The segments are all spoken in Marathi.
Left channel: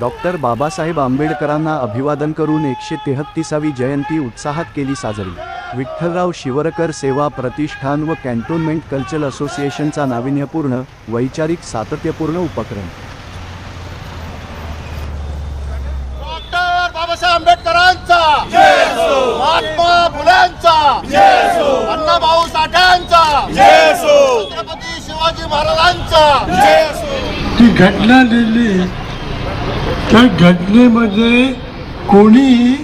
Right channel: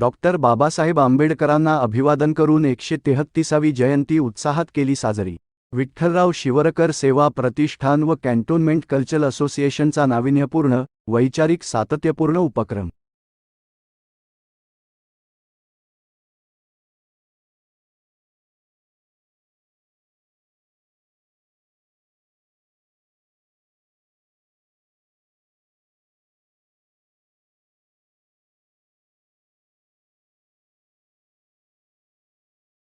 डॉक्टर बाबासाहेब आंबेडकरांना अभिवादन करून एकशे तेहत्तीसावी जयंती उत्साहात केली साजरी. विठ्ठलराव शिवरकर सेवा प्रतिष्ठान व कॅन्टोन्मेंट कल्चरल असोसिएशनचा नाविन्यपूर्ण वैचारिक सातत्यपूर्ण उपक्रम. डॉक्टर बाबासाहेब आंबेडकरांचा. महात्मा फुल्यांचा अण्णाभाऊ साठ्यांचा छत्रपती शिवाजी महाराजांचा. ती घटना लिहिली त्या घटनेमध्ये कोणीही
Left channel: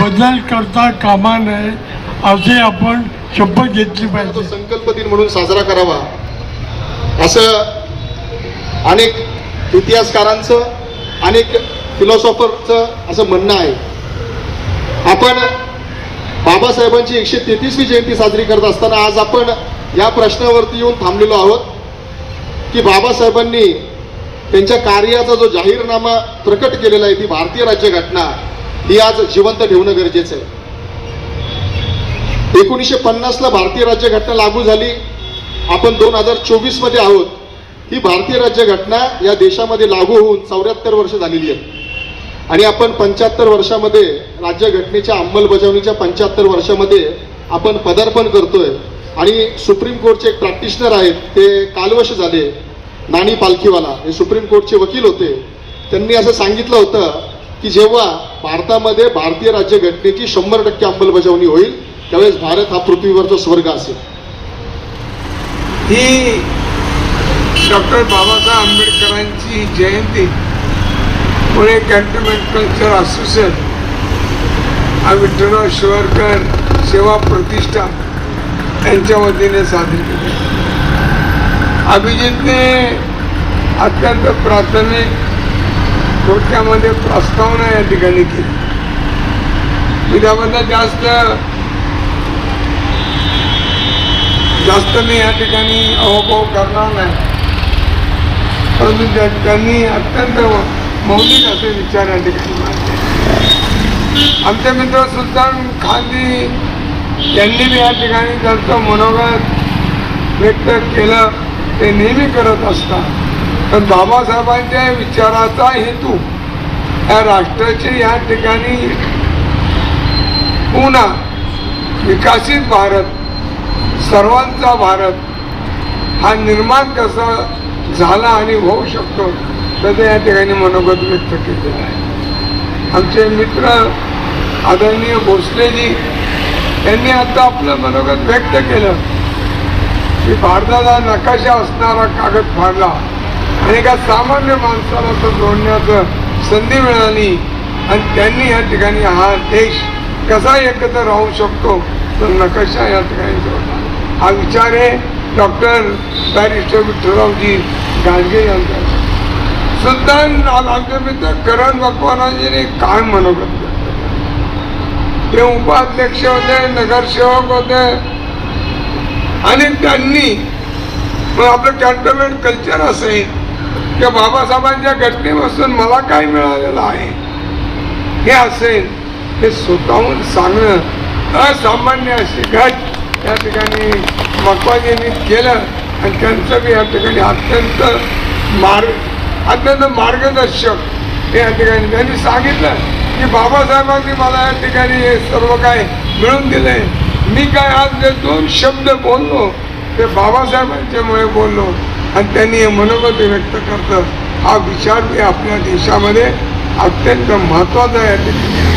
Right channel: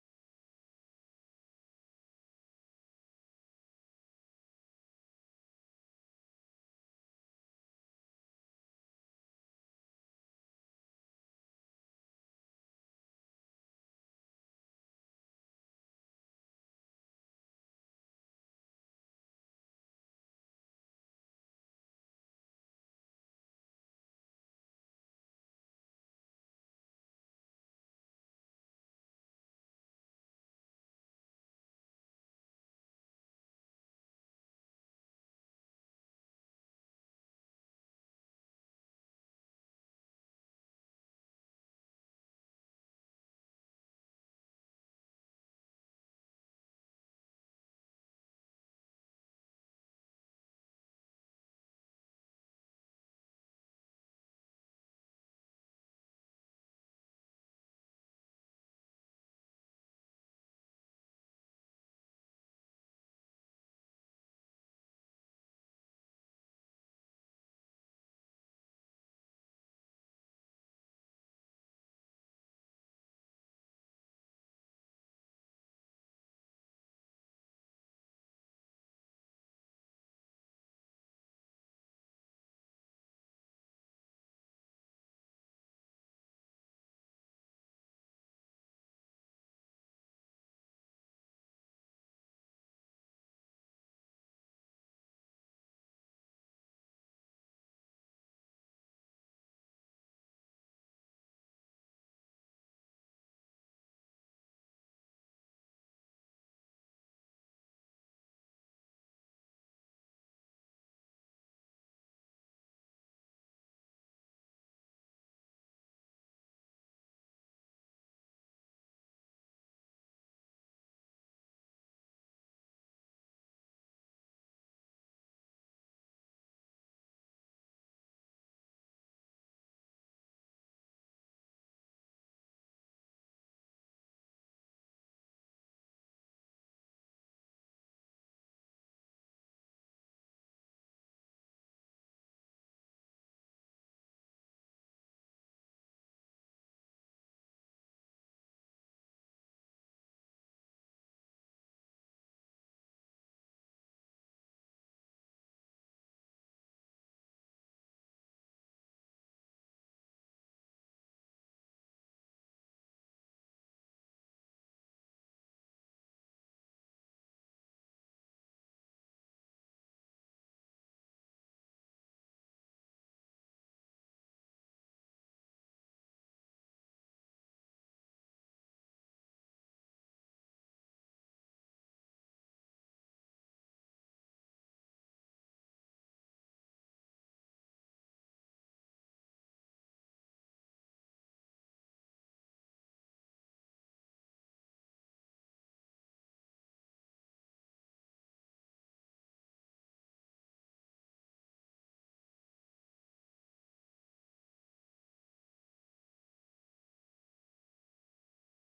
बदल करता कामा नये असे आपण शपथ घेतली पाहिजे. संकल्प दिन म्हणून साजरा करावा. असं अनेक इतिहासकारांचं अनेक फिलॉसॉफरचं असं म्हणणं आहे. आपण बाबासाहेबांची एकशे तेहतीसवी जयंती साजरी करत असताना आज आपण या प्रश्नावरती येऊन थांबलेलो आहोत की बाबासाहेबांनी त्यांच्या कार्याचा जो जाहीरनामा प्रकट केलेला आहे ती भारतीय राज्यघटना ही आज जिवंत ठेवणं गरजेचं आहे. एकोणीसशे पन्नासला भारतीय राज्यघटना लागू झाली. आपण दोन हजार चोवीसमध्ये आहोत. ही भारतीय राज्यघटना या देशामध्ये लागू होऊन चौऱ्याहत्तर वर्ष झालेली आहे आणि आपण पंच्याहत्तर वर्षामध्ये राज्यघटनेच्या अंमलबजावणीच्या पंच्याहत्तर वर्षामध्ये आपण पदार्पण करतोय. आणि सुप्रीम कोर्टचे एक प्रॅक्टिशनर आहेत ते कालवश झाले. नाणी पालखीवाला हे सुप्रीम कोर्टचे वकील होते. त्यांनी असं सांगितलं होतं की जेव्हा भारतामध्ये भारतीय राज्यघटनेची शंभर टक्के अंमलबजावणी होईल त्यावेळेस भारत हा पृथ्वीवरचा स्वर्ग असेल. ही डॉक्टर बाबासाहेब आंबेडकरांची जयंती पुणे कॅन्टोनमेंट कल्चर असोसिएशन हा विठ्ठलराव शिवरकर सेवा प्रतिष्ठान यांच्या वतीने साजरी केली. अभिजितने अत्यंत प्राथमिक थोडक्यामध्ये प्रस्तावना या ठिकाणी केली. मी त्याबद्दल जास्त जास्त मी या ठिकाणी अहोभाव करणार नाही. परंतु त्या- त्यांनी अत्यंत मौलिक असे विचार या ठिकाणी मांडले. आमचे मित्र सुलतान खानजी यांनी बी या ठिकाणी त्यांचं मनोगत व्यक्त केलं. ते नेहमी करत असतात. पण बाबासाहेबांच्या विचाराचा हेतू या राष्ट्राचे या ठिकाणी पुन्हा विकसित भारत सर्वांचा भारत हा निर्माण कसा झाला आणि होऊ शकतो त्याचं या ठिकाणी मनोगत व्यक्त केलेलं आहे. आमचे मित्र आदरणीय भोसलेजी यांनी आता आपलं मनोगत व्यक्त केलं की भारताचा नकाशा असणारा कागद फाडला. एका सामान्य माणसाला तो जोडण्याचं संधी मिळाली. आणि त्यांनी या ठिकाणी हा देश कसा एकत्र राहू शकतो तर नकाशा या ठिकाणी जोडला. हा विचार आहे डॉक्टर बॅरिस्टर विठ्ठलरावजी गाडगे यांचा सुद्धा आमचे मित्र करण भगवानाजीने काय मनोगत ते उपाध्यक्ष होते नगरसेवक होते. आणि त्यांनी आपलं कॅन्टोनमेंट कल्चर असेल त्या बाबासाहेबांच्या घटनेपासून मला काय मिळालेलं आहे? हे असेल हे स्वतःहून सांगणं असामान्य अशी घट या ठिकाणी मकवाजींनी केलं आणि त्यांचं बी या ठिकाणी अत्यंत मार्ग अत्यंत मार्गदर्शक. हे या ठिकाणी त्यांनी सांगितलं की बाबासाहेबांनी मला या ठिकाणी हे सर्व काय मिळून दिलंय. मी काय आज जे दोन शब्द बोललो ते बाबासाहेबांच्यामुळे बोललो. आणि त्यांनी हे मनोगत व्यक्त करतात हा विचार बी आपल्या देशामध्ये अत्यंत महत्त्वाचा आहे.